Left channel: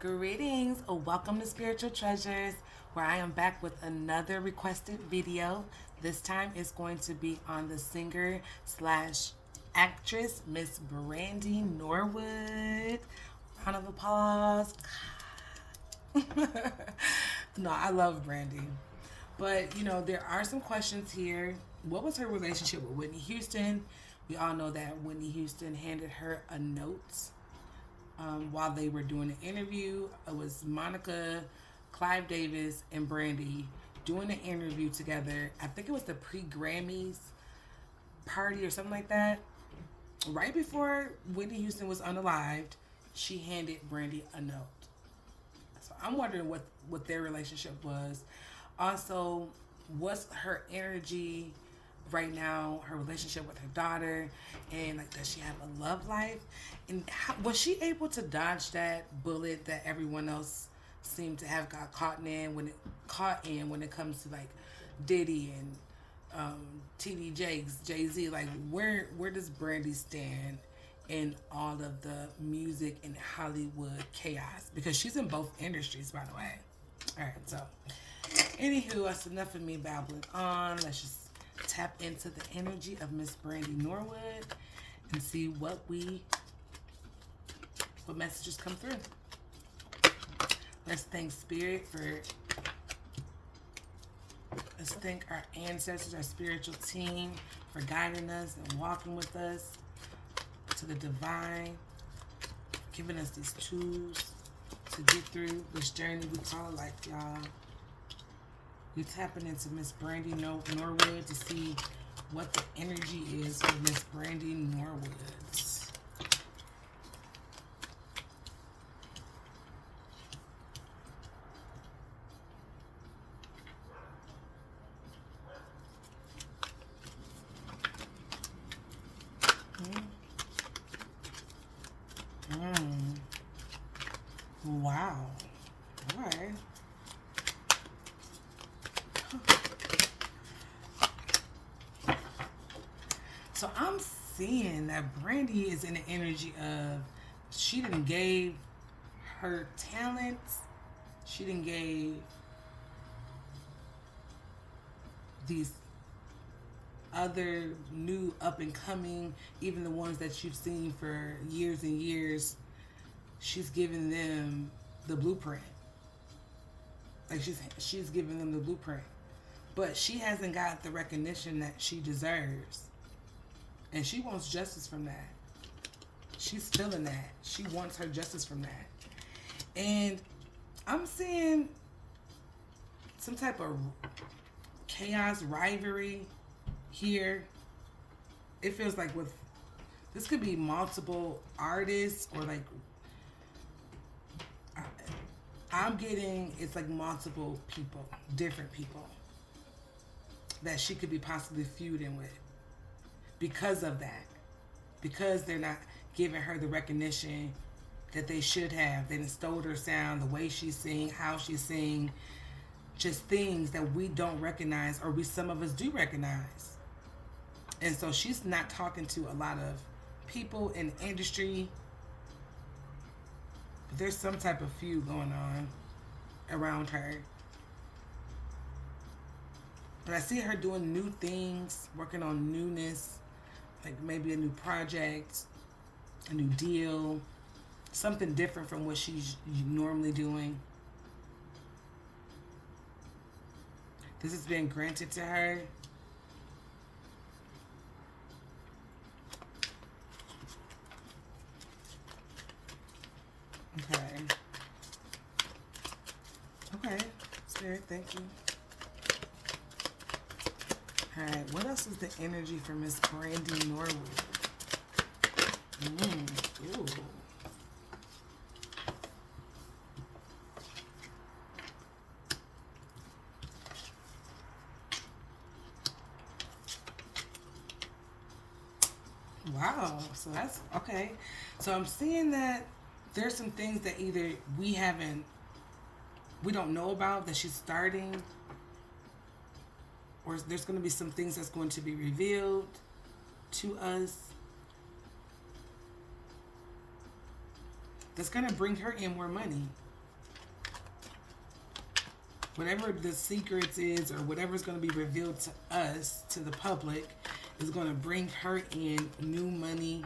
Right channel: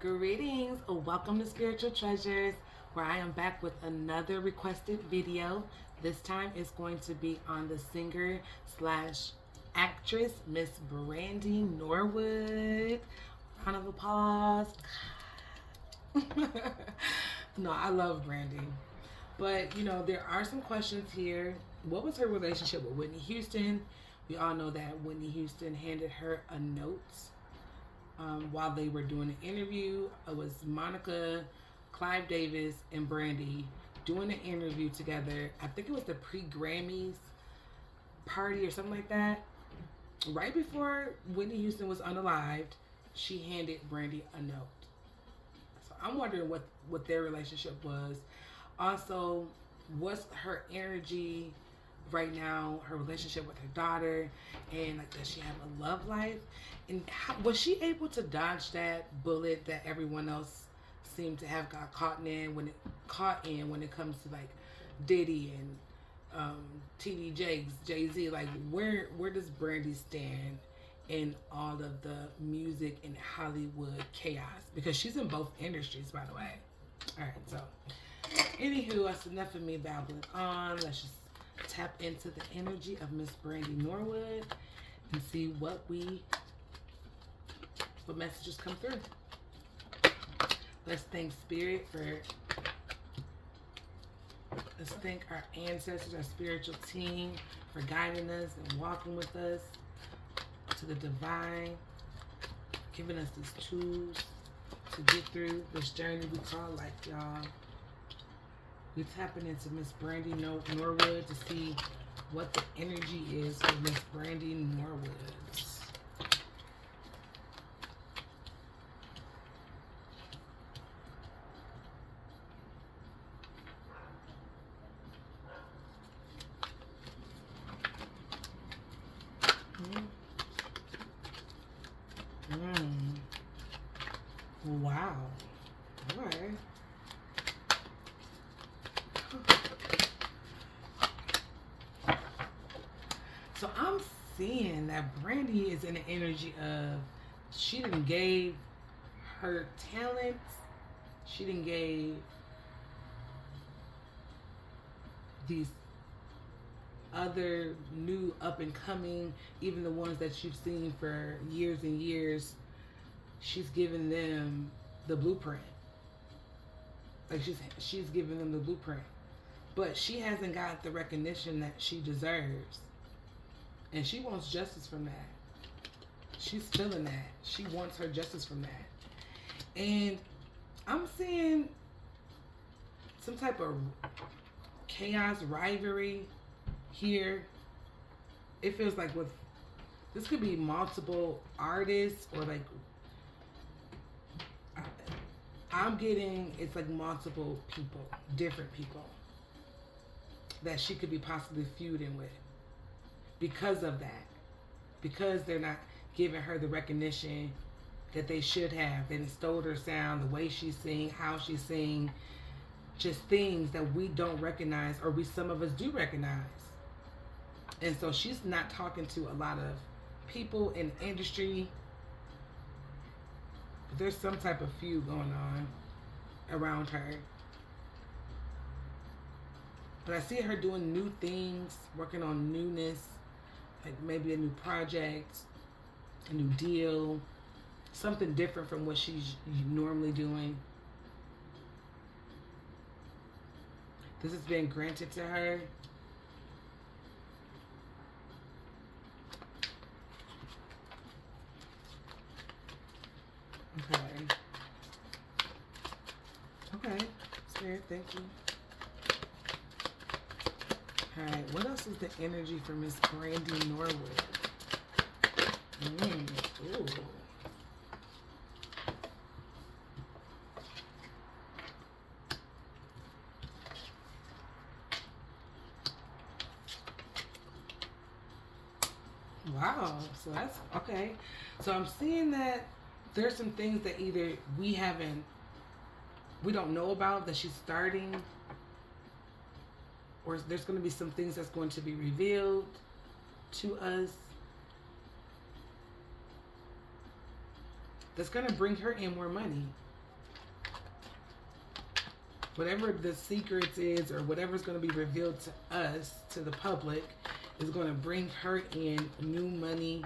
Greetings, welcome to Spiritual Treasures, where I am back with another requested video. This time it's going to be on the singer slash actress, Miss Brandy Norwood. Round of applause. No, I love Brandy. But, there are some questions here. What was her relationship with Whitney Houston? We all know that Whitney Houston handed her a note while they were doing an interview. It was Monica, Clive Davis, and Brandy doing an interview together. I think it was the pre-Grammys party or something like that. Right before Whitney Houston was unalived, she handed Brandy a note. So I'm wondering what their relationship was. Also, what's her energy right now, her relationship with her daughter, and does she have a love life? And was she able to dodge that bullet that everyone else seemed to have got caught in when it comes to Diddy and TD Jakes, Jay-Z? Where does Brandy stand in all of the music and Hollywood chaos? Because she's in both industries, by the way. All right, so anywho, that's enough of me babbling on. Let's just tap into the energy of Miss Brandy Norwood and see what messages come through. Let's thank Spirit let's thank our ancestors, our spiritual team for guiding us and walking with us to the divine, giving us these tools to get through this journey we call life, y'all. We're tapping into Miss Brandy Norwood to see what the energy is for Miss Brandy Norwood. Wow. All right. So I'm seeing that Brandy is in the energy of she didn't gave her talents, she didn't gave these other new up and coming, even the ones that you've seen for years and years, she's giving them the blueprint. She's giving them the blueprint. But she hasn't got the recognition that she deserves. And she wants justice from that. She's feeling that. She wants her justice from that. And I'm seeing some type of chaos, rivalry here. It feels like this could be multiple artists, or I'm getting it's multiple people, different people that she could be possibly feuding with because of that. Because they're not giving her the recognition that they should have. They stole her sound, the way she sing, how she sing, just things that we don't recognize, or some of us do recognize. And so she's not talking to a lot of people in the industry. But there's some type of feud going on around her. But I see her doing new things, working on newness, maybe a new project, a new deal, something different from what she's normally doing. This has been granted to her. Okay, Spirit, thank you. Alright, what else is the energy for Miss Brandy Norwood? Ooh. Wow, so that's okay. So I'm seeing that there's some things that either we don't know about that she's starting, or there's going to be some things that's going to be revealed to us that's going to bring her in more money. whatever the secrets is or whatever's going to be revealed to us, to the public, is going to bring her in new money,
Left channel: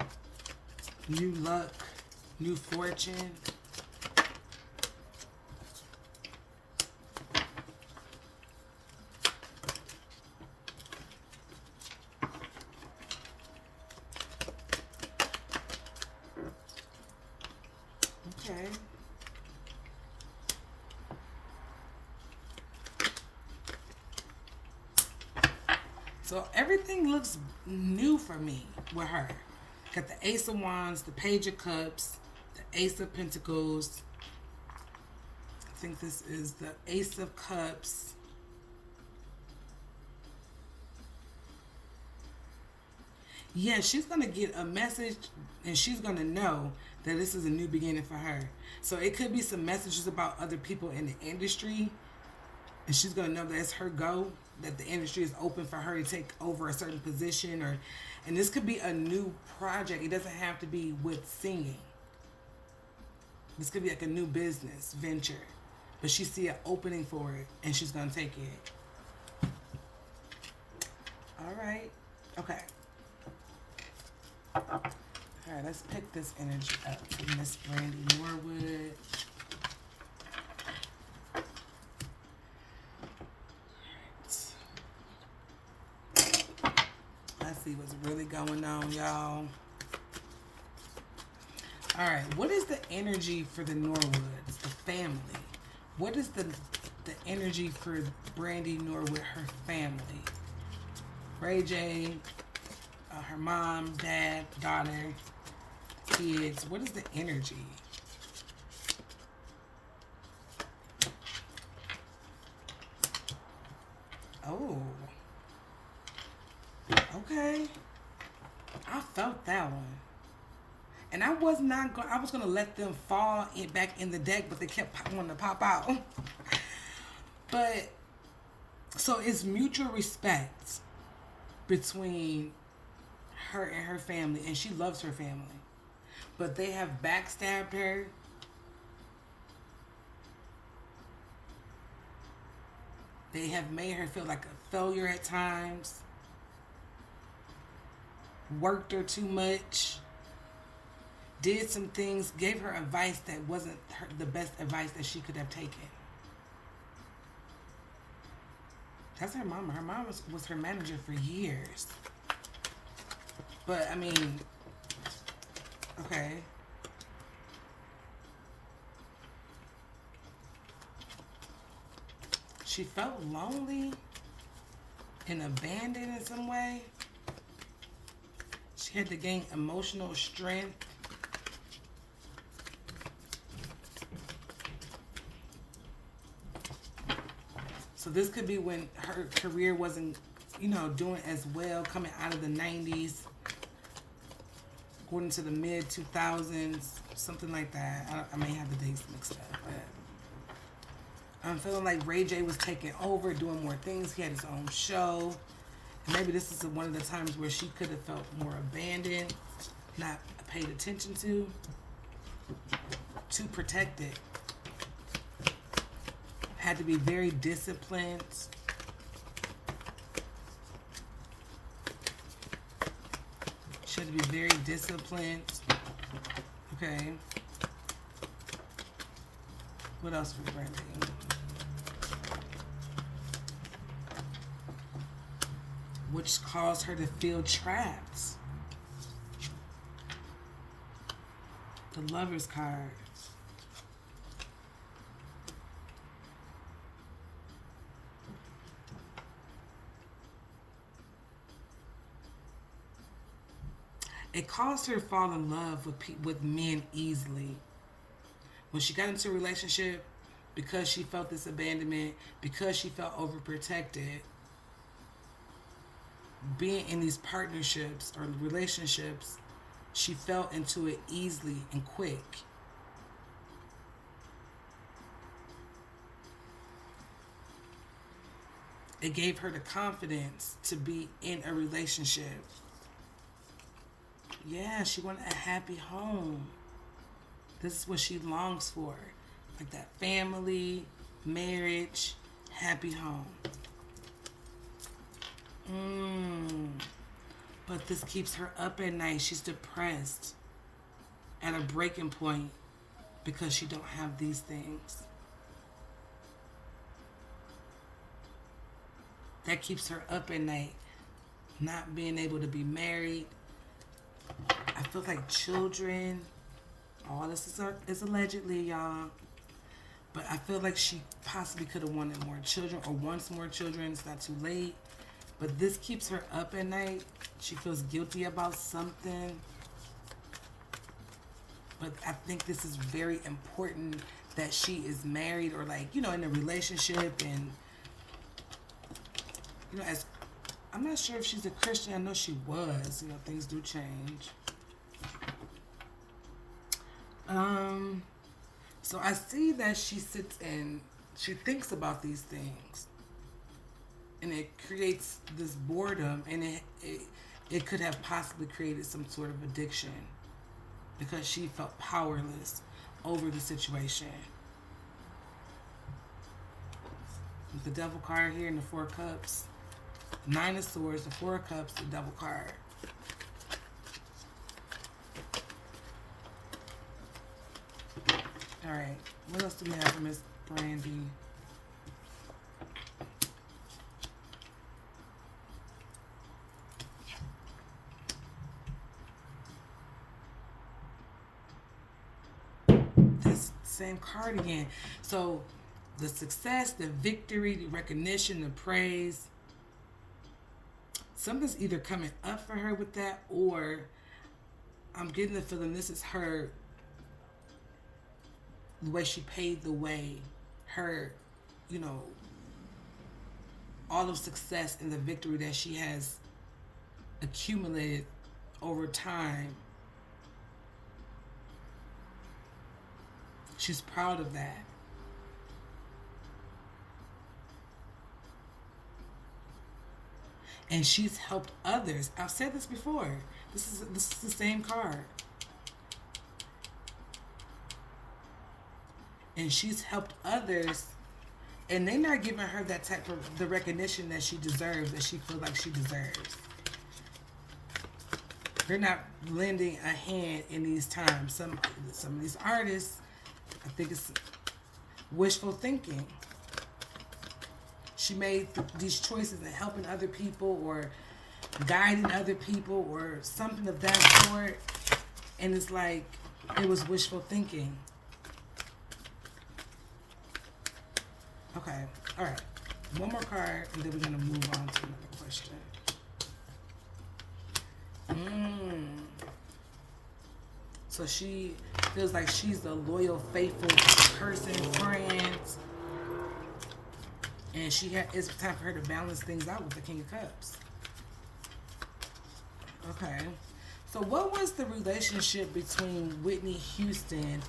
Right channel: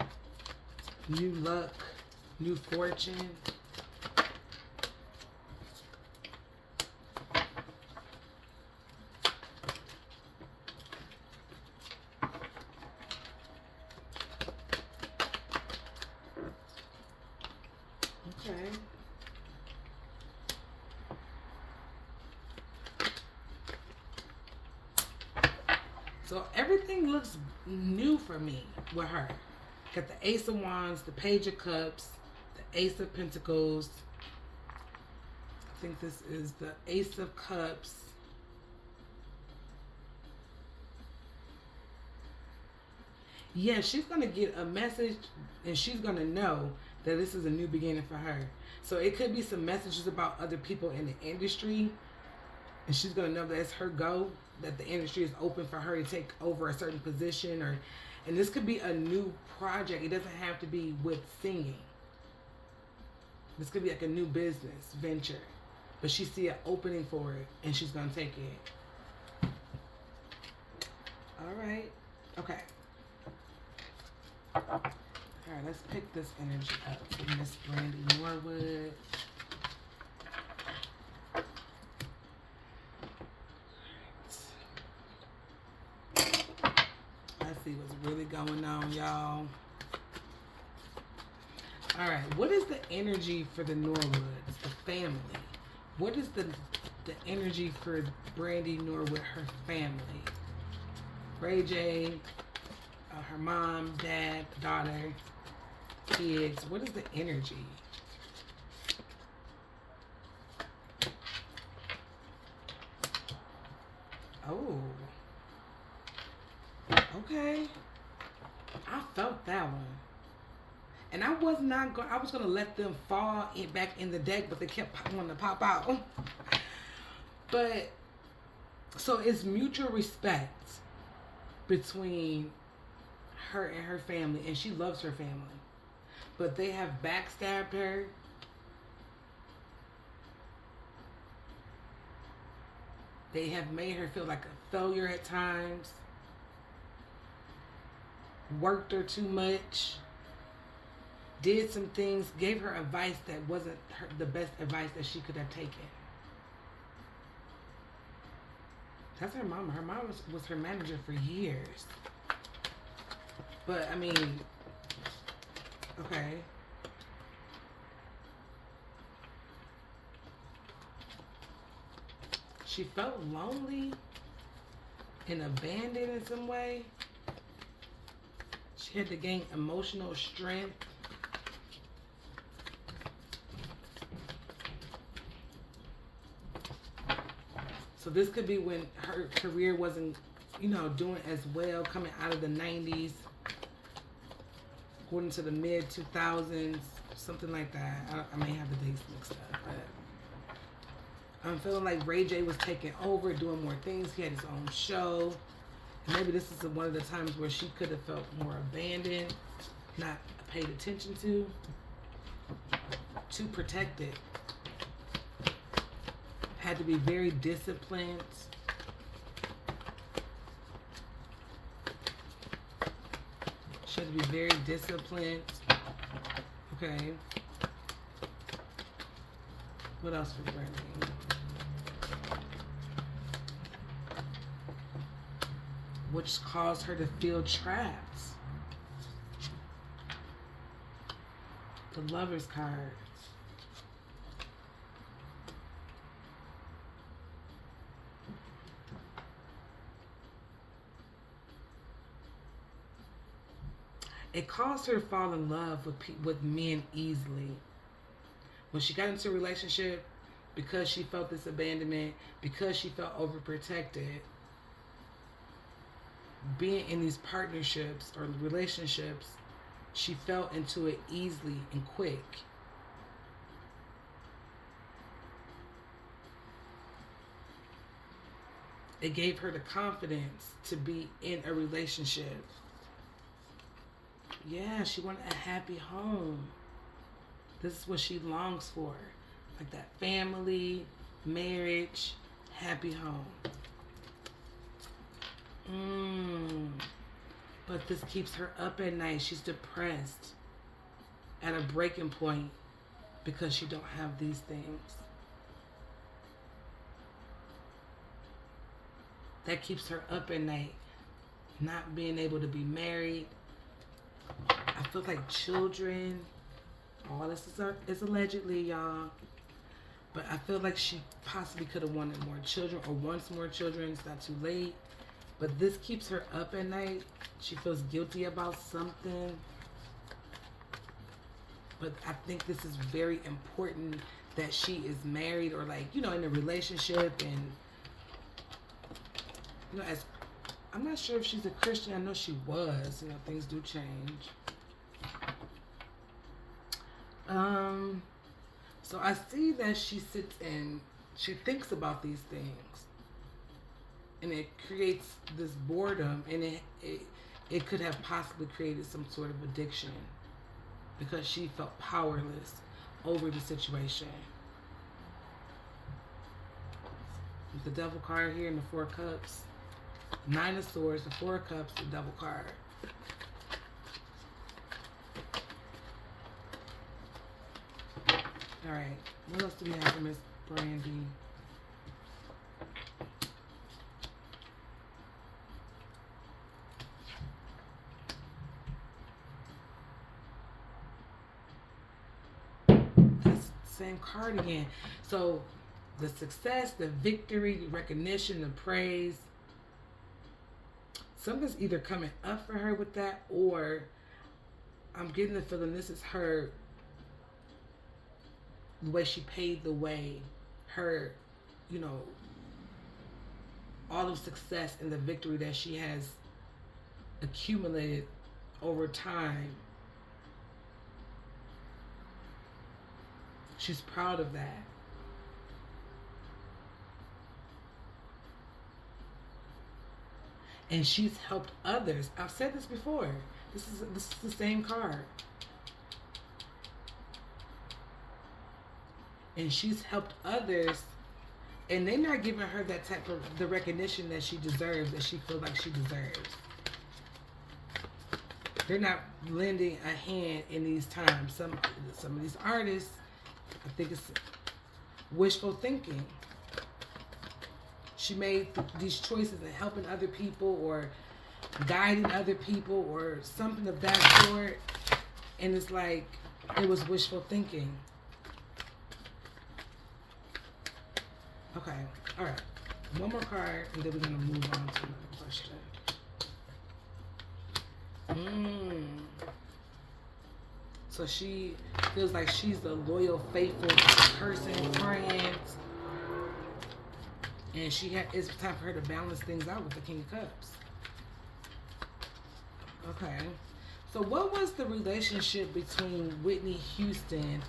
new luck, new fortune. Okay. So everything looks new for me with her. Got the Ace of Wands, the Page of Cups, the Ace of Pentacles. I think this is the Ace of Cups. Yeah, she's going to get a message and she's going to know that this is a new beginning for her. So it could be some messages about other people in the industry. And she's going to know that it's her go, that the industry is open for her to take over a certain position. And this could be a new project. It doesn't have to be with singing. This could be like a new business venture. But she see an opening for it and she's going to take it. All right. Okay. All right, let's pick this energy up for Miss Brandy Norwood. Let's see what's really going on, y'all. All right, what is the energy for the Norwoods, the family? What is the energy for Brandy Norwood, her family? Ray J, her mom, dad, daughter, kids. What is the energy? Oh. Okay. I felt that one. And I was not going, I was going to let them fall back in the deck, but they kept wanting to pop out. But, so it's mutual respect between her and her family, and she loves her family. But they have backstabbed her. They have made her feel like a failure at times. Worked her too much. Did some things, gave her advice that wasn't the best advice that she could have taken. That's her mama. Her mom was her manager for years. But, I mean, okay. She felt lonely and abandoned in some way. She had to gain emotional strength. So this could be when her career wasn't, doing as well, coming out of the 90s, going into the mid 2000s, something like that. I may have the dates mixed up, but I'm feeling like Ray J was taking over, doing more things. He had his own show. And maybe this is one of the times where she could have felt more abandoned, not paid attention to, too protected. Had to be very disciplined. She had to be very disciplined. Okay. What else was there? Which caused her to feel trapped. The Lover's card. It caused her to fall in love with men easily. When she got into a relationship, because she felt this abandonment, because she felt overprotected, being in these partnerships or relationships, she fell into it easily and quick. It gave her the confidence to be in a relationship. Yeah, she wanted a happy home. This is what she longs for. Like that family, marriage, happy home. But this keeps her up at night. She's depressed, at a breaking point, because she don't have these things. That keeps her up at night. Not being able to be married. I feel like children. All this is allegedly, y'all. But I feel like she possibly could have wanted more children or wants more children. It's not too late. But this keeps her up at night. She feels guilty about something. But I think this is very important that she is married or like, in a relationship. And, as I'm not sure if she's a Christian. I know she was. Things do change. So I see that she sits and she thinks about these things. And it creates this boredom, and it could have possibly created some sort of addiction because she felt powerless over the situation. With the Devil card here and the Four Cups, Nine of Swords, the Four Cups, the Devil card. All right, what else do we have for Miss Brandy? Same card again. So the success, the victory, the recognition, the praise. Something's either coming up for her with that, or I'm getting the feeling this is her, the way she paved the way, her, all of success and the victory that she has accumulated over time. She's proud of that. And she's helped others. I've said this before. This is the same card. And she's helped others, and they're not giving her that type of the recognition that she deserves, that she feels like she deserves. They're not lending a hand in these times. Some of these artists, I think it's wishful thinking. She made these choices in helping other people or guiding other people or something of that sort. And it's like, it was wishful thinking. Okay, all right. One more card, and then we're going to move on to another question. So she feels like she's the loyal, faithful person, friend. And it's time for her to balance things out with the King of Cups. Okay. So what was the relationship between Whitney Huston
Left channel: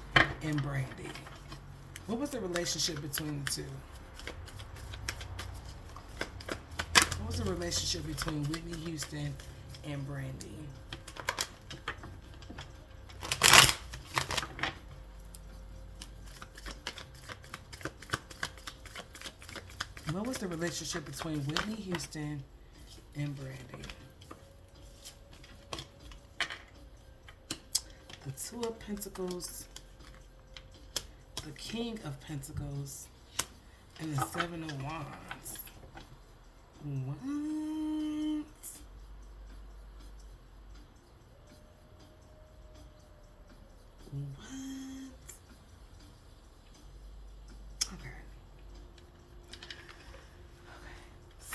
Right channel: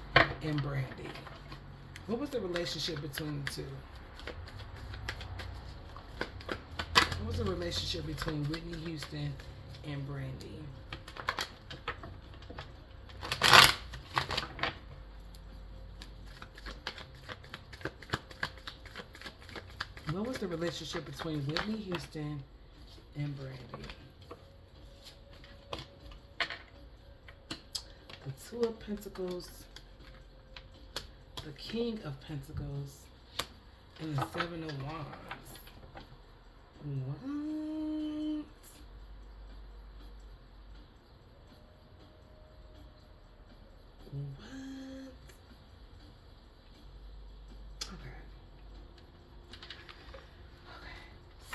and Brandy? What was the relationship between the two? What was the relationship between Whitney Huston and Brandy? What was the relationship between Whitney Huston and Brandy? The Two of Pentacles, the King of Pentacles, and the Seven of Wands. What?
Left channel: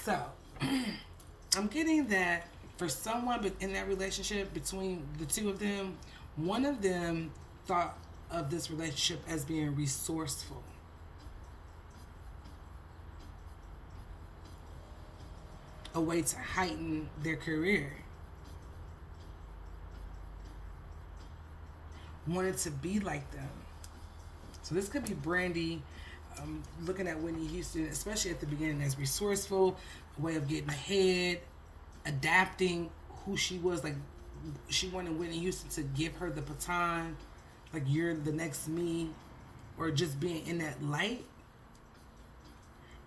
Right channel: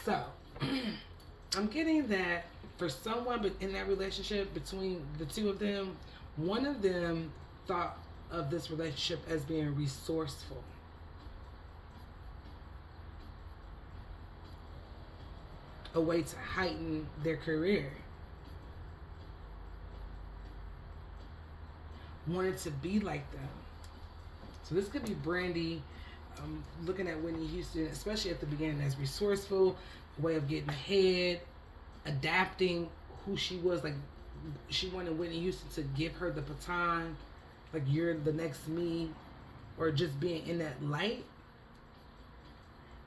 So, I'm getting that for someone in that relationship between the two of them, one of them thought of this relationship as being resourceful. A way to heighten their career. Wanted to be like them. So this could be Brandy looking at Whitney Huston, especially at the beginning, as resourceful, a way of getting ahead, adapting who she was. Like, she wanted Whitney Huston to give her the baton, like, you're the next me, or just being in that light.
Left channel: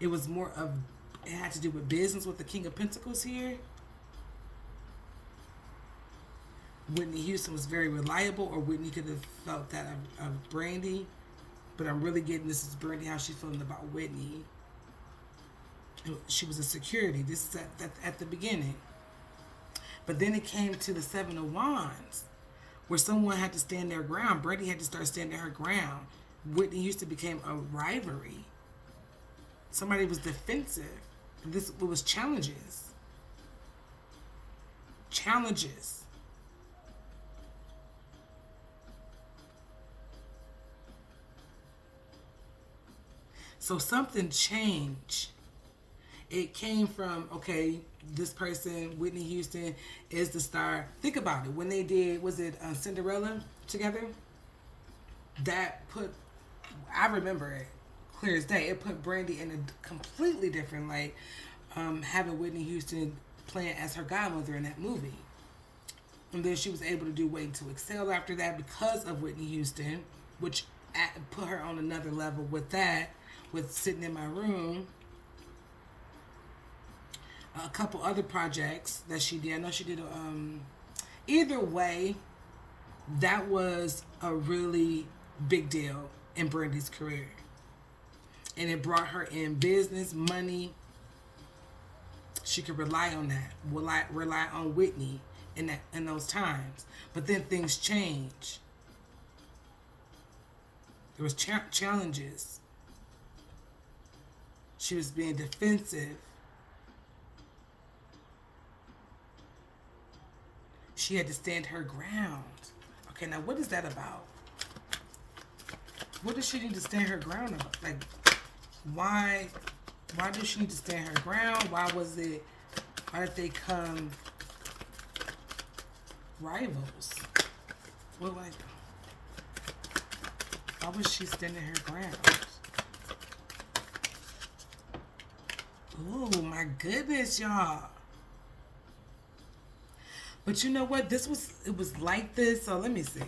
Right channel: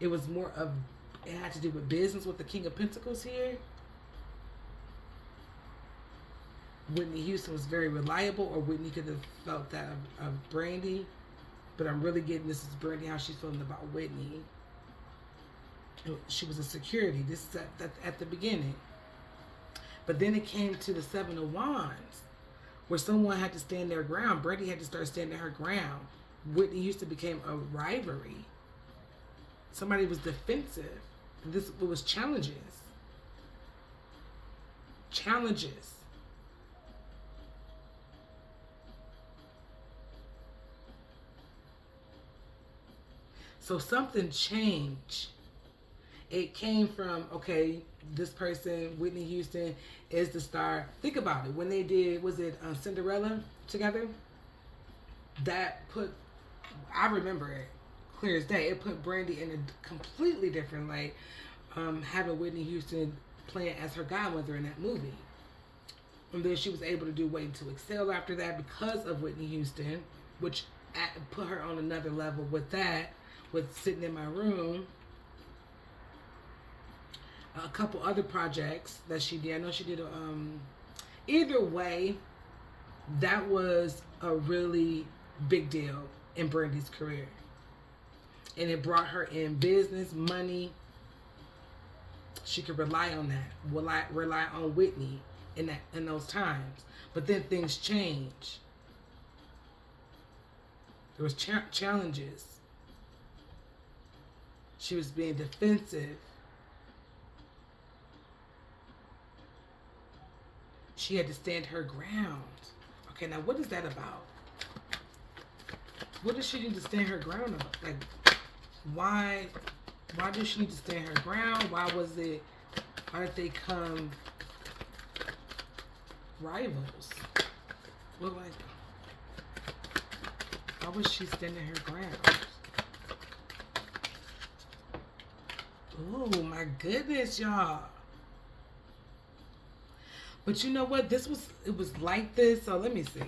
it was more of, it had to do with business with the King of Pentacles here. Whitney Houston was very reliable, or Whitney could have felt that of Brandy. But I'm really getting this is Brandy, how she's feeling about Whitney. She was a security. This is at the beginning. But then it came to the Seven of Wands, where someone had to stand their ground. Brandy had to start standing her ground. Whitney Houston became a rivalry. Somebody was defensive. It was challenges. Challenges. So something changed. It came from, okay, this person, Whitney Houston, is the star. Think about it. When they did, was it Cinderella together? That put, I remember it clear as day. It put Brandy in a completely different light, having Whitney Houston playing as her godmother in that movie. And then she was able to do Waiting to Excel after that because of Whitney Houston, which put her on another level with that, with Sitting in My Room. A couple other projects that she did. I know she did either way, that was a really big deal in Brandy's career. And it brought her in business, money. She could rely on that. Rely on Whitney in those times. But then things changed. There was challenges. She was being defensive. She had to stand her ground. Okay, now what is that about? What does she need to stand her ground about? Like, why does she need to stand her ground? Why did they come rivals? Well, like, why was she standing her ground? Oh my goodness, y'all. But you know what? It was like this. So let me see.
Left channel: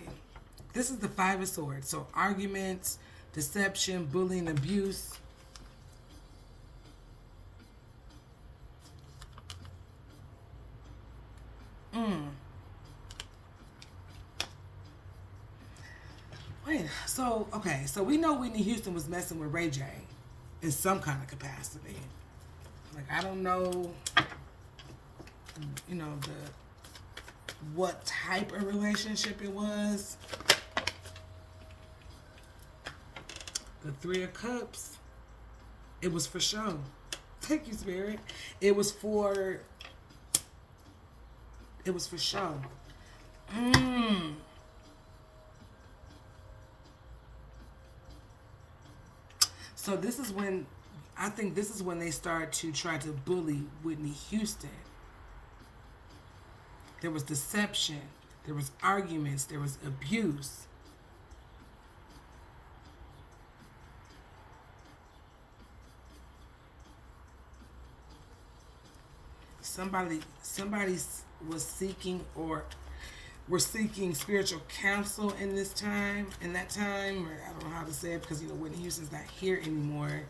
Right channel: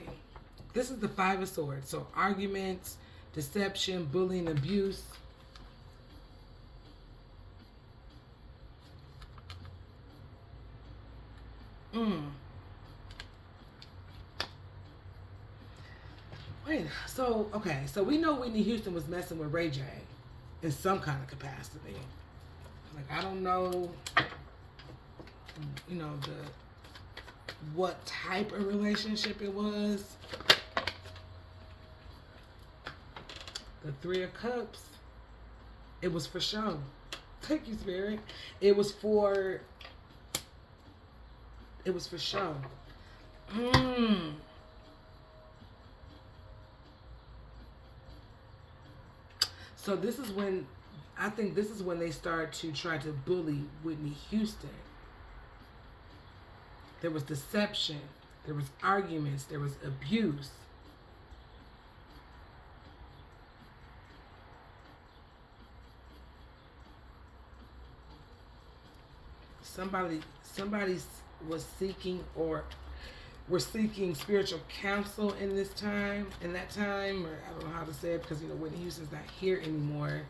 This is the Five of Swords. So arguments, deception, bullying, abuse. Wait, so, okay. So we know Whitney Houston was messing with Ray J in some kind of capacity. Like, I don't know, you know, what type of relationship it was. The Three of Cups, it was for show. Thank you, Spirit. It was for show. So this is when, I think this is when they start to try to bully Whitney Houston. There was deception. There was arguments. There was abuse. Somebody was seeking or were seeking spiritual counsel in that time, or I don't know how to say it because, you know, Whitney Houston's not here anymore.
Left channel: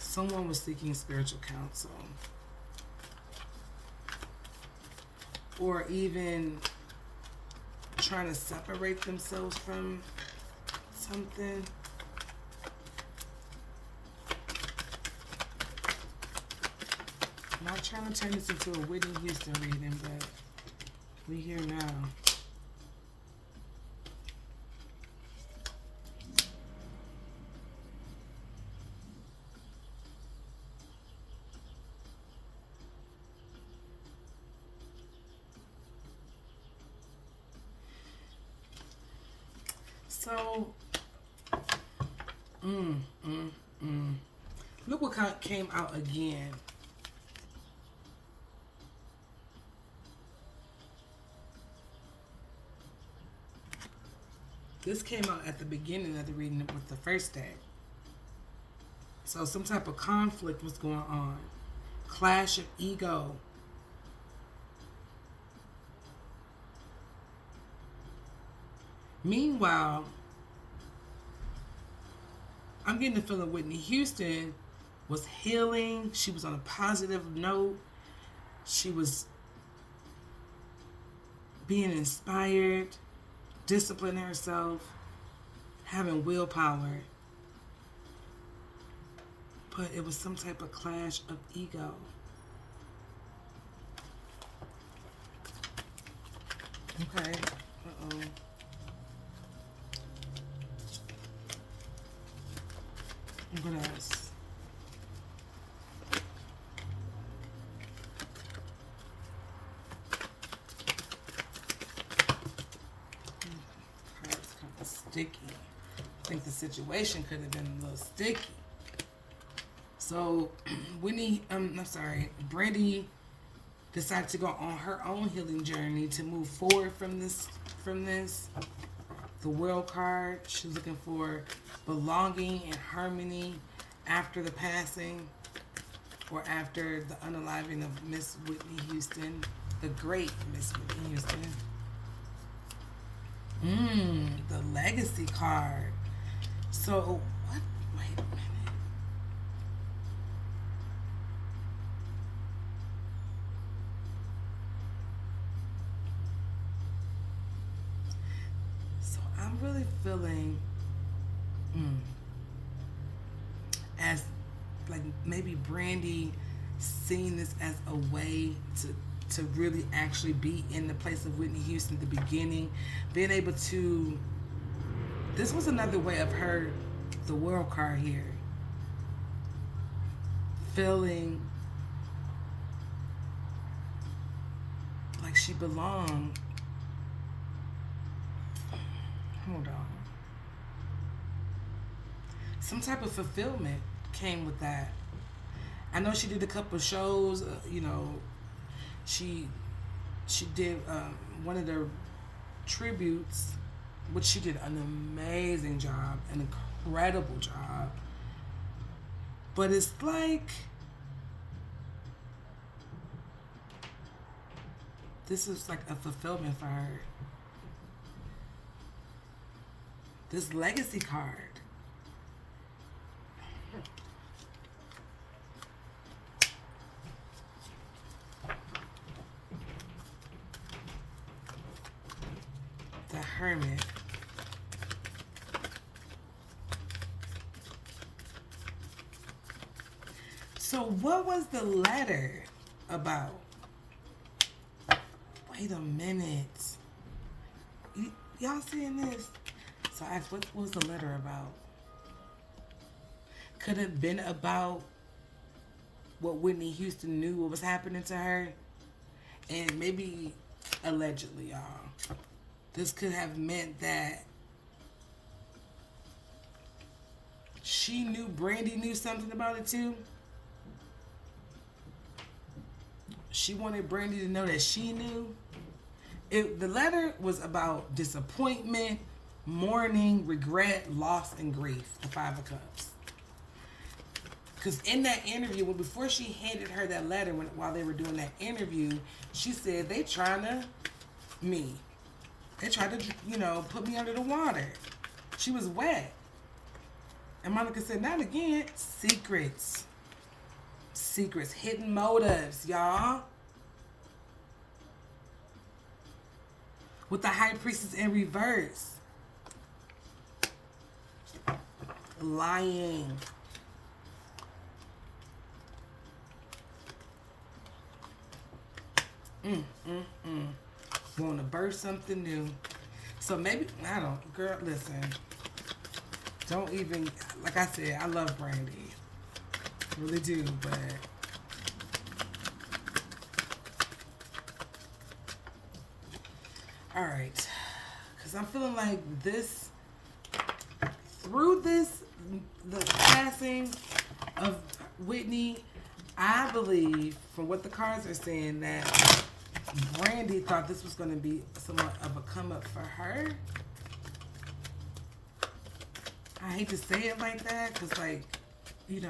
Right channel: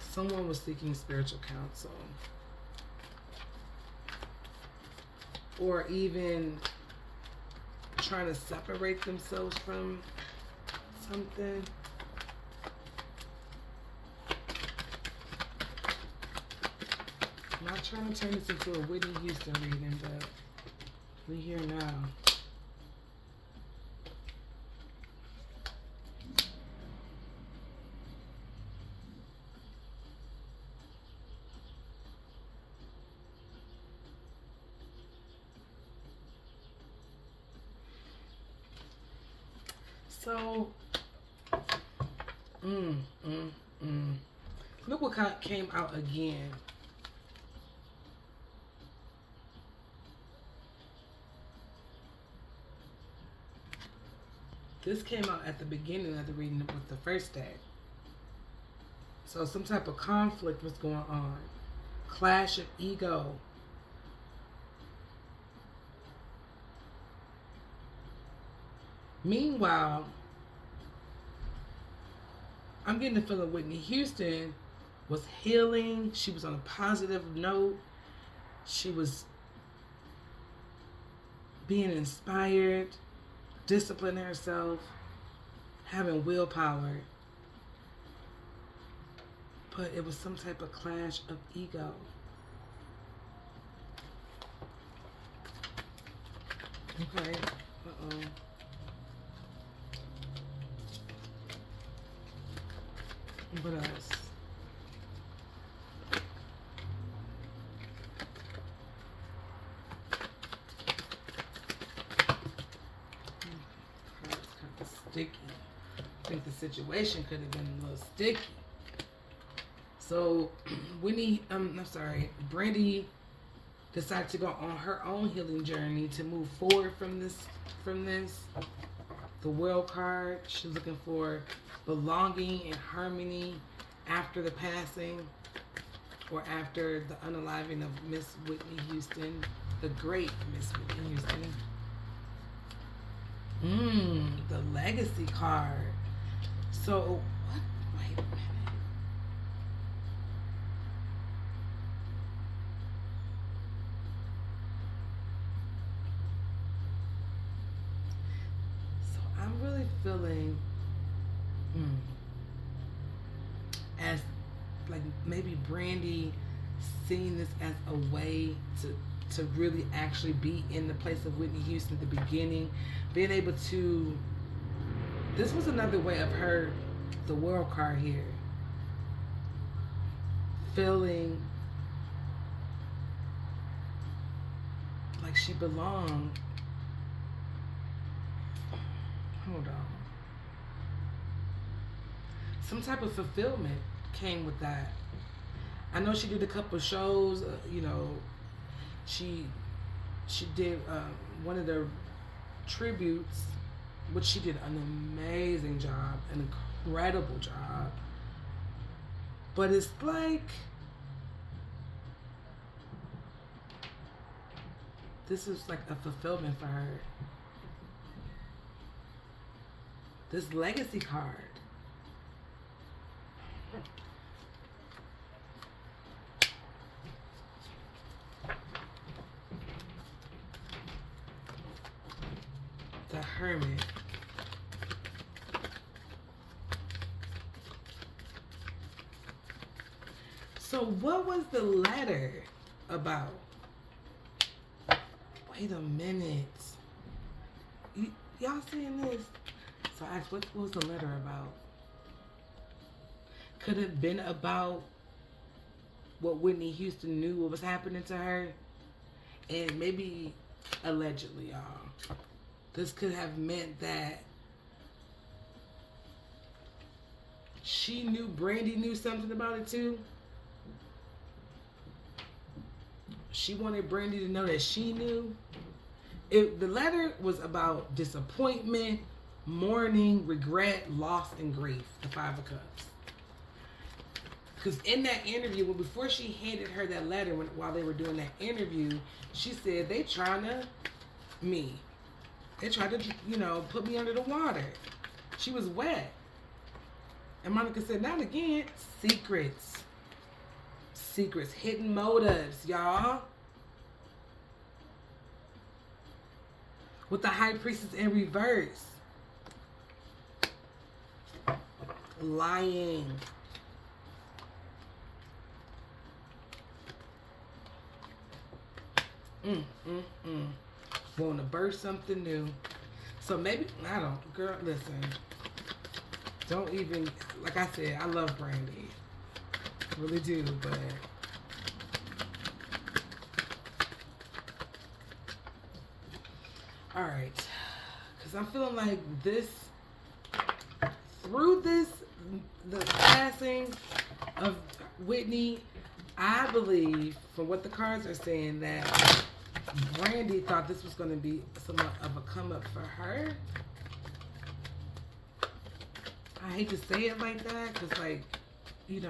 Someone was seeking spiritual counsel, or even trying to separate themselves from something. I'm not trying to turn this into a Whitney Houston reading, but we here now. So, look what came out again. This came out at the beginning of the reading with the first day. So some type of conflict was going on. Clash of ego. Meanwhile, I'm getting the feeling Whitney Houston was healing. She was on a positive note. She was being inspired, disciplining herself, having willpower. But it was some type of clash of ego. Okay. Uh-oh. What else? It's kind of sticky. I think the situation could have been a little sticky. So, Brandy decided to go on her own healing journey to move forward from this. The World card. She's looking for belonging and harmony after the passing or after the unaliving of Miss Whitney Houston, the great Miss Whitney Houston. The legacy card. So, what? Wait a minute. So, I'm really feeling as like maybe Brandy seeing this as a way to really actually be in the place of Whitney Houston at the beginning, being able to, this was another way of her, the World card here, feeling like she belonged. Hold on. Some type of fulfillment came with that. I know she did a couple shows, she did one of their tributes, which she did an amazing job, an incredible job. But it's like, this is like a fulfillment for her. This legacy card. The Hermit. So what was the letter about? Wait a minute. Y'all seeing this? So I asked, what was the letter about? Could it have been about what Whitney Houston knew what was happening to her? And maybe, allegedly, y'all, this could have meant that she knew Brandy knew something about it too. She wanted Brandy to know that she knew. The letter was about disappointment, mourning, regret, loss, and grief. The Five of Cups. Because in that interview, before she handed her that letter, while they were doing that interview, she said, they trying to They tried to, put me under the water. She was wet. And Monica said, not again. Secrets. Secrets. Hidden motives, y'all. With the High Priestess in reverse. Lying. Want to birth something new. So maybe, girl, listen. Don't even, like I said, I love Brandy. I really do, but all right. Because I'm feeling like this, through this, the passing of Whitney, I believe, from what the cards are saying, that Brandy thought this was going to be somewhat of a come up for her. I hate to say it like that, because, yeah,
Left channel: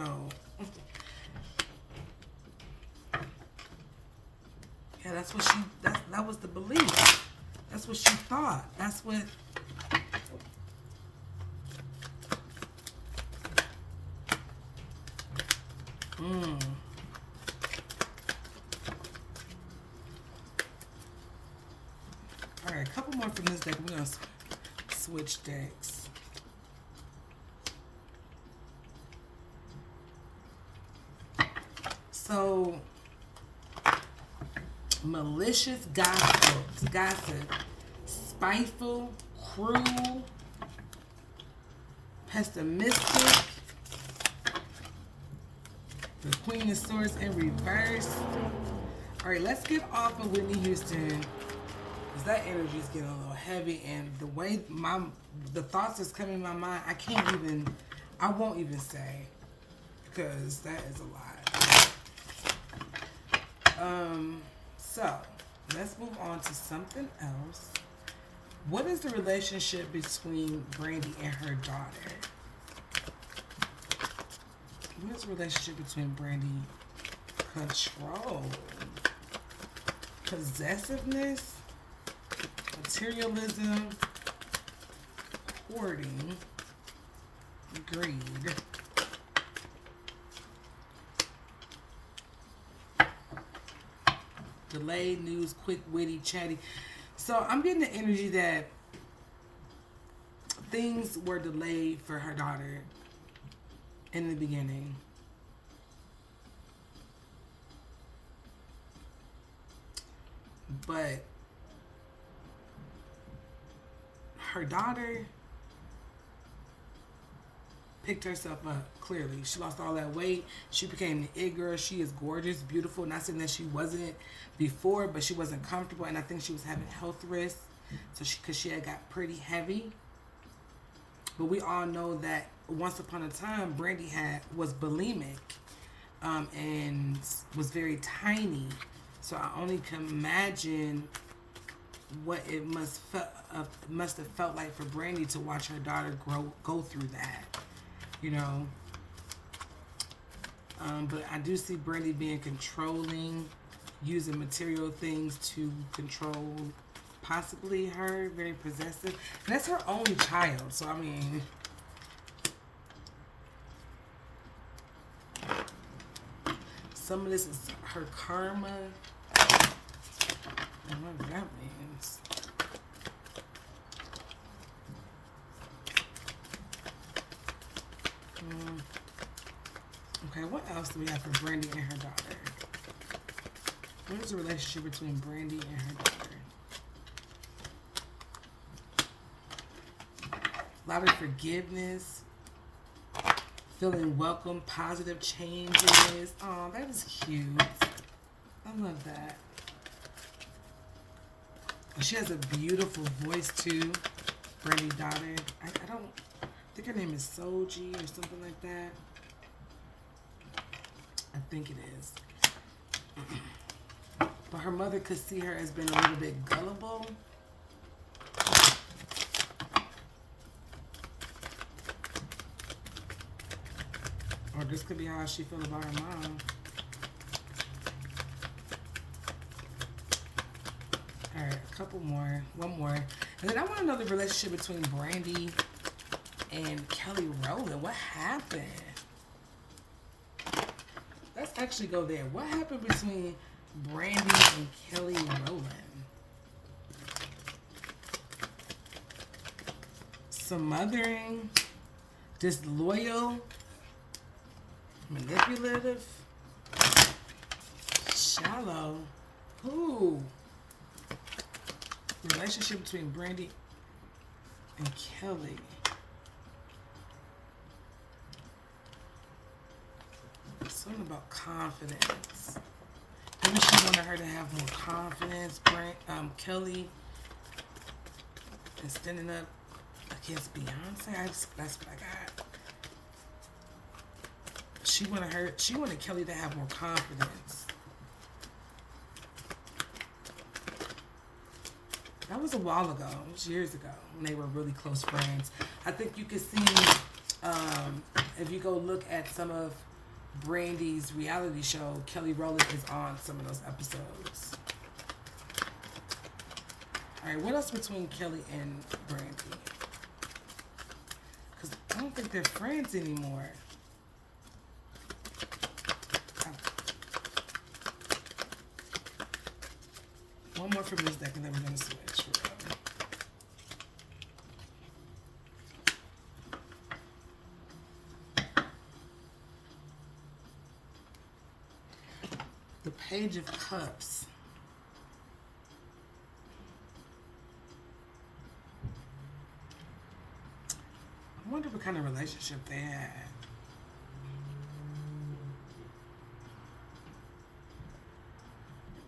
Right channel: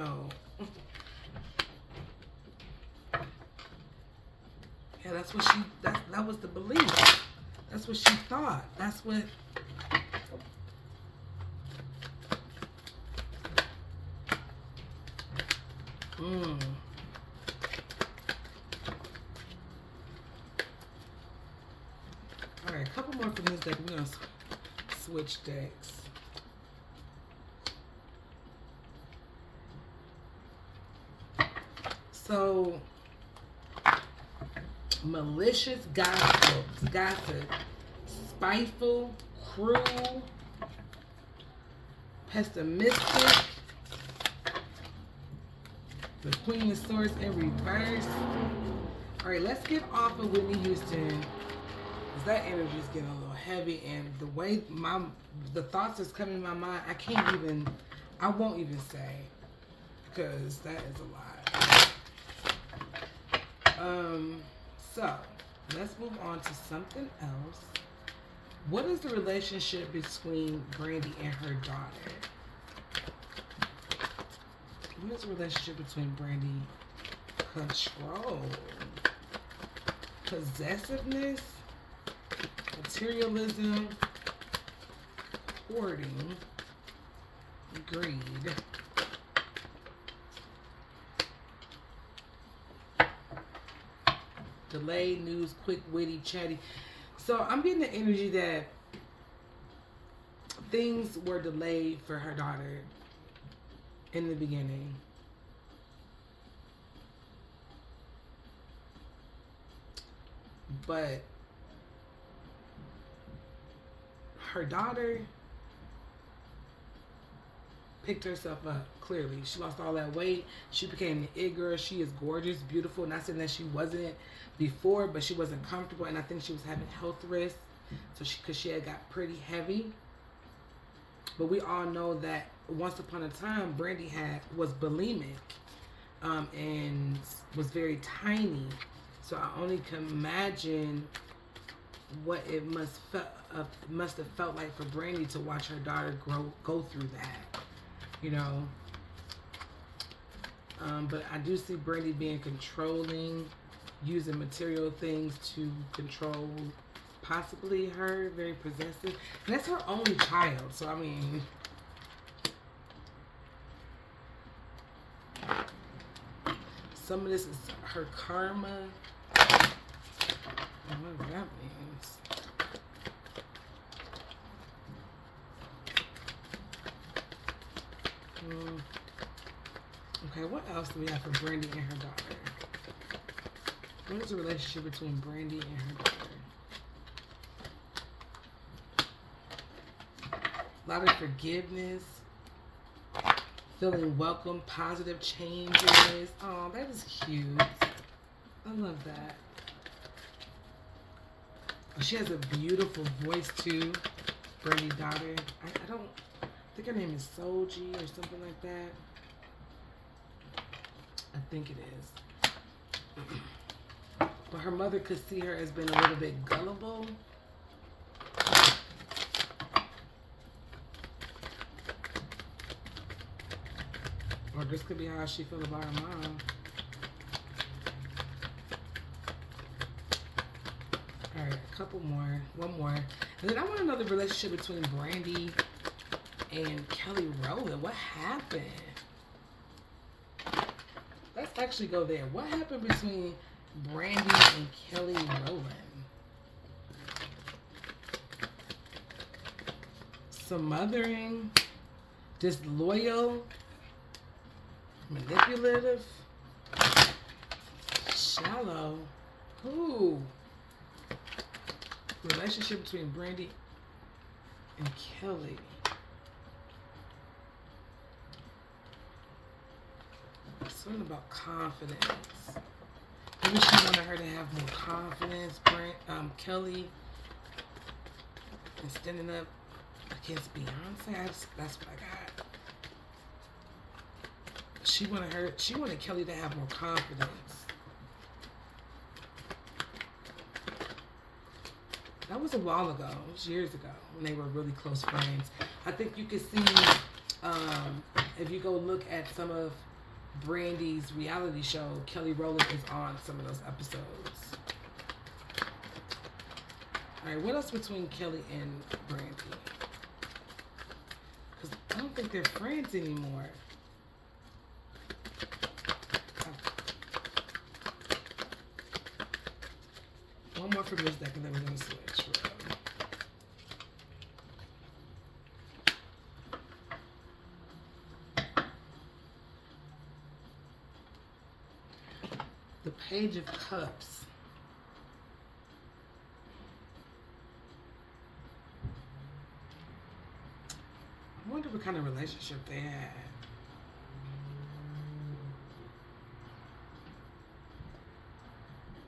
that's what that was the belief. That's what she thought. That's what, Mm. All right, a couple more from this deck. We're going to switch decks. So, malicious gossip, spiteful, cruel, pessimistic, the Queen of Swords in reverse. All right, let's get off of Whitney Houston, because that energy is getting a little heavy, and the way the thoughts that's coming in my mind, I won't even say, because that is a lot. So let's move on to something else. What is the relationship between Brandy and her daughter? What is the relationship between Brandy? Control, possessiveness, materialism, hoarding, greed. Delayed news, quick, witty, chatty. So I'm getting the energy that things were delayed for her daughter in the beginning. But her daughter picked herself up, clearly. She lost all that weight. She became the it girl. She is gorgeous, beautiful. Not saying that she wasn't before, but she wasn't comfortable, and I think she was having health risks. So because she had got pretty heavy. But we all know that once upon a time, Brandy was bulimic, and was very tiny. So I only can imagine what it must have felt like for Brandy to watch her daughter go through that, you know. But I do see Brandy being controlling, using material things to control possibly her, very possessive. And that's her only child, so I mean, some of this is her karma. I don't know what that means. Okay, what else do we have for Brandy and her daughter? What is the relationship between Brandy and her daughter? A lot of forgiveness, feeling welcome, positive changes. Oh, that is cute. I love that. She has a beautiful voice too, Brandy's daughter. I think her name is Soji or something like that. I think it is. But her mother could see her as being a little bit gullible. Or this could be how she feels about her mom. Alright, a couple more. One more. And then I want to know the relationship between Brandy and Kelly Rowland. What happened? Let's actually go there. What happened between Brandy and Kelly Rowland? Smothering, disloyal, manipulative, shallow. Who? The relationship between Brandy and Kelly. Something about confidence. Maybe she wanted her to have more confidence. Kelly is standing up against Beyonce. That's what I got. She wanted Kelly to have more confidence. That was a while ago. It was years ago when they were really close friends. I think you can see, if you go look at some of Brandy's reality show, Kelly Rowland is on some of those episodes. Alright, what else between Kelly and Brandy? Because I don't think they're friends anymore. One more from this deck and then we're going to switch. The Page of Cups. I wonder what kind of relationship they had.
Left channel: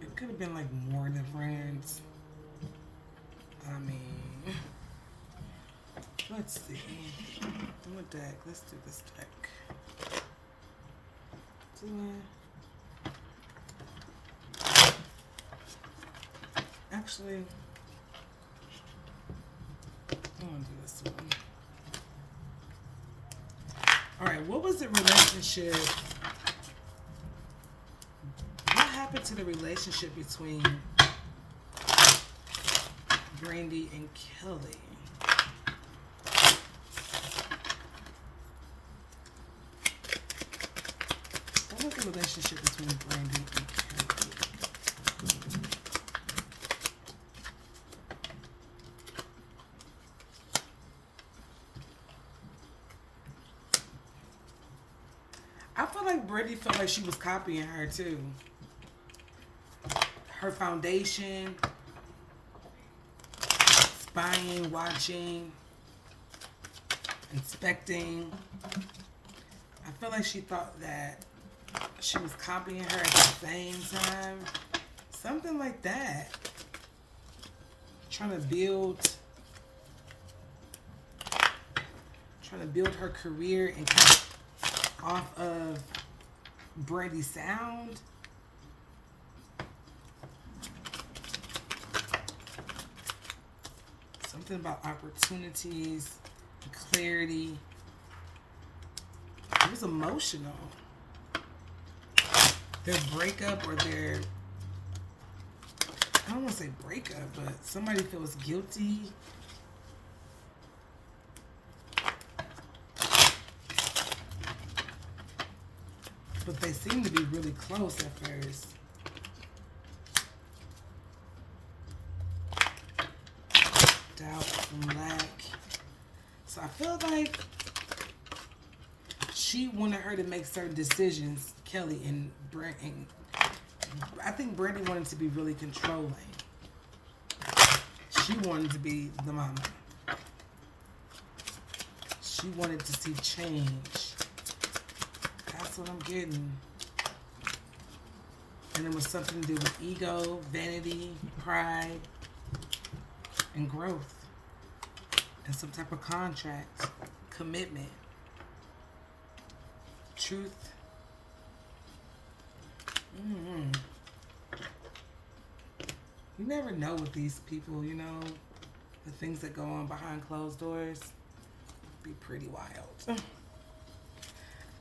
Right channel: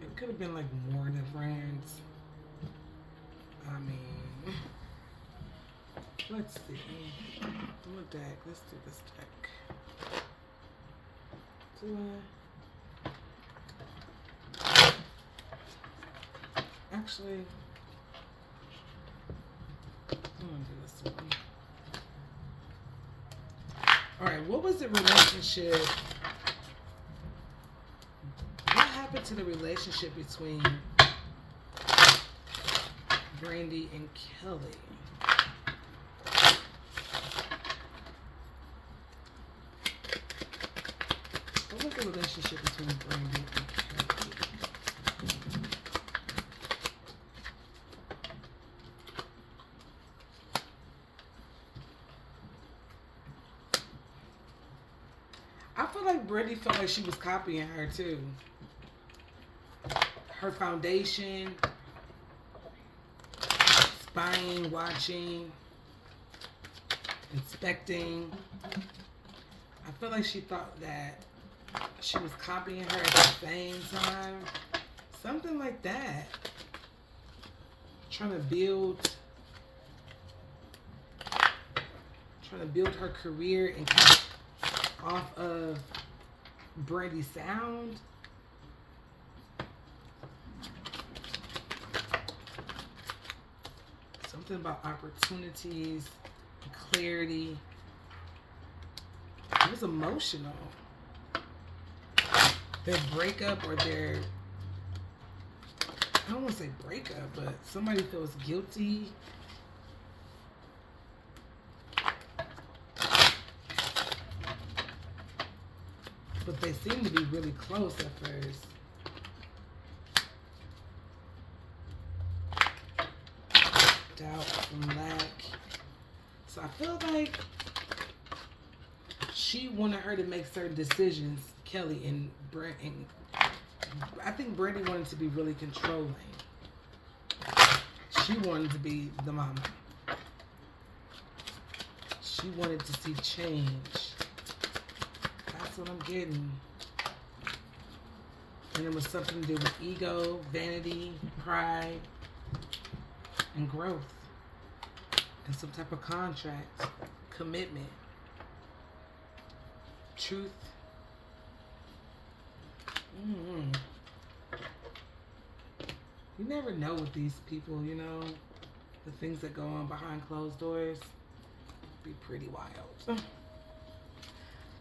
It could have been like more than friends. I mean, let's see. Do a deck. Let's do this deck. Actually, I want to do this one. All right, what was the relationship? What happened to the relationship between Brandy and Kelly? What was the relationship between Brandy and Kelly? I feel like Brandy felt like she was copying her too. Her foundation, spying, watching, inspecting. I feel like she thought that she was copying her at the same time. Something like that. Trying to build her career and off of Brandy's sound. Something about opportunities, clarity. It was emotional. Their breakup or their, I don't want to say breakup, but somebody feels guilty. But they seem to be really close at first. Doubt and lack. So I feel like she wanted her to make certain decisions, Kelly and Brandy. I think Brandy wanted to be really controlling. She wanted to be the mama. She wanted to see change. That's what I'm getting. And it was something to do with ego, vanity, pride, and growth. And some type of contract, commitment, truth. You never know with these people, you know, the things that go on behind closed doors be pretty wild.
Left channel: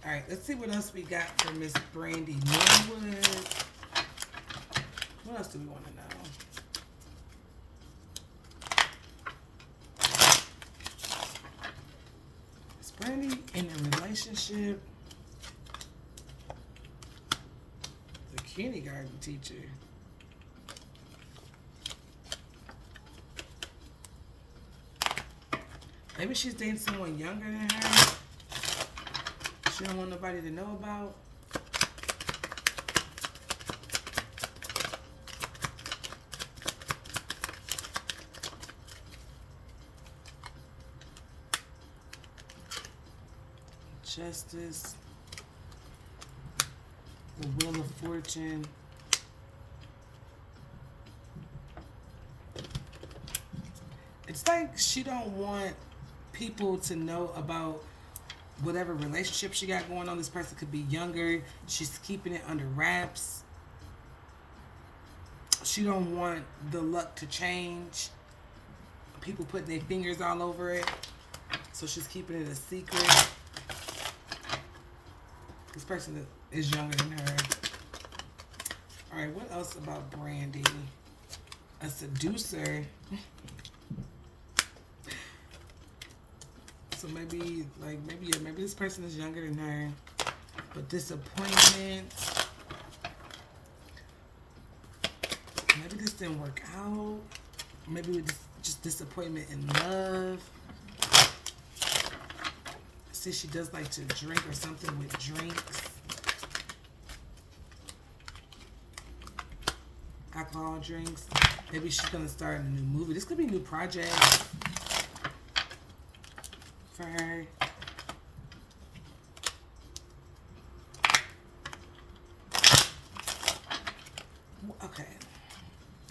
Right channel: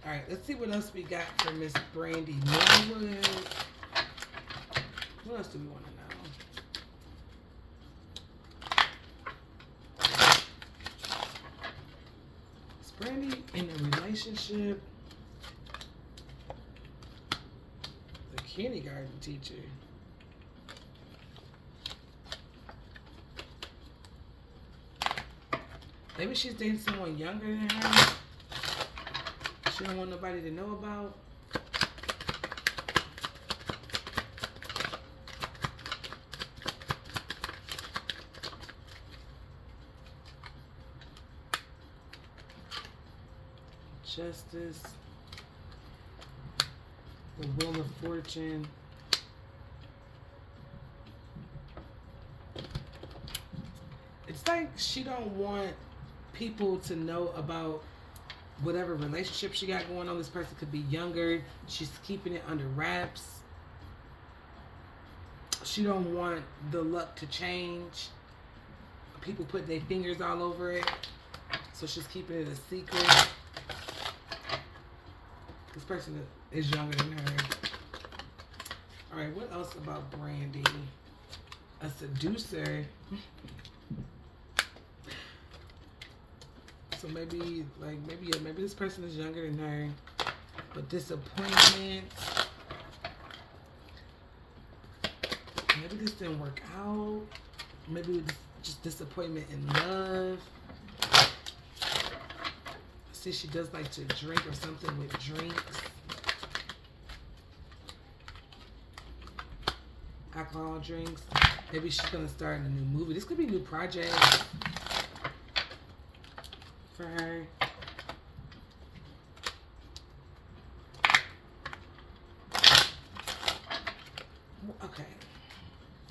All right, let's see what else we got for Miss Brandy Norwood. What else do we want to know? Is Brandy in a relationship? The kindergarten teacher. Maybe she's dating someone younger than her. She don't want nobody to know about. Justice. The Wheel of Fortune. It's like she don't want people to know about whatever relationship she got going on. This person could be younger. She's keeping it under wraps. She don't want the luck to change. People put their fingers all over it. So she's keeping it a secret. This person is younger than her. All right, what else about Brandy? A seducer. So maybe this person is younger than her. But disappointment. maybe this didn't work out. Maybe it's just disappointment in love. See, she does like to drink or something with drinks. Alcohol drinks. Maybe she's going to start a new movie. This could be a new project for her. Okay.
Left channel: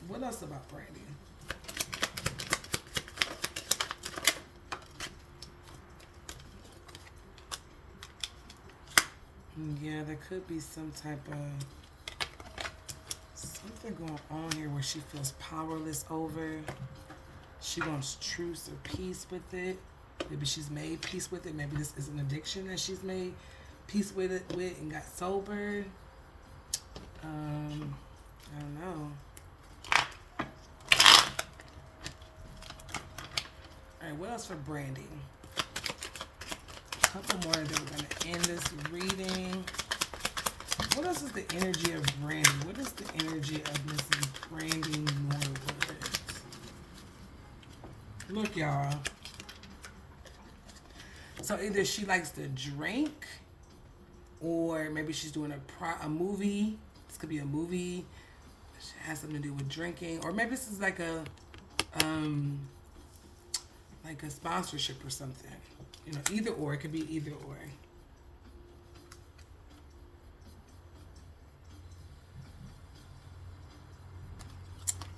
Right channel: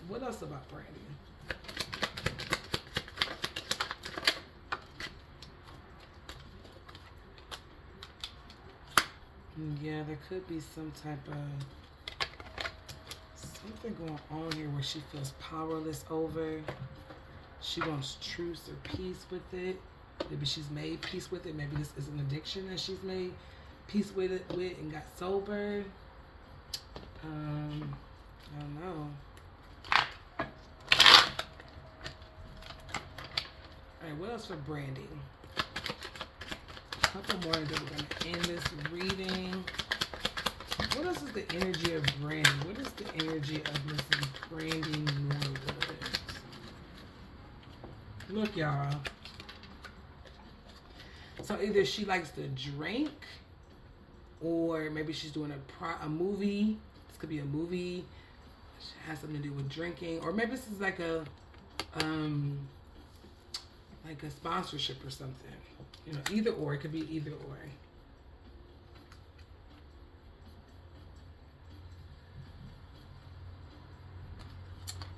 What else about Brandy? Yeah, there could be some type of something going on here where she feels powerless over. She wants truce or peace with it. Maybe she's made peace with it. Maybe this is an addiction that she's made peace with it and got sober. I don't know. Alright, what else for Brandy? A couple more that we're going to end this reading. What else is the energy of Brandy? What is the energy of Mrs. Brandy Norwood? Look, y'all. So either she likes to drink, or maybe she's doing a movie. This could be a movie. It has something to do with drinking, or maybe this is like a sponsorship or something. You know, either or. It could be either or.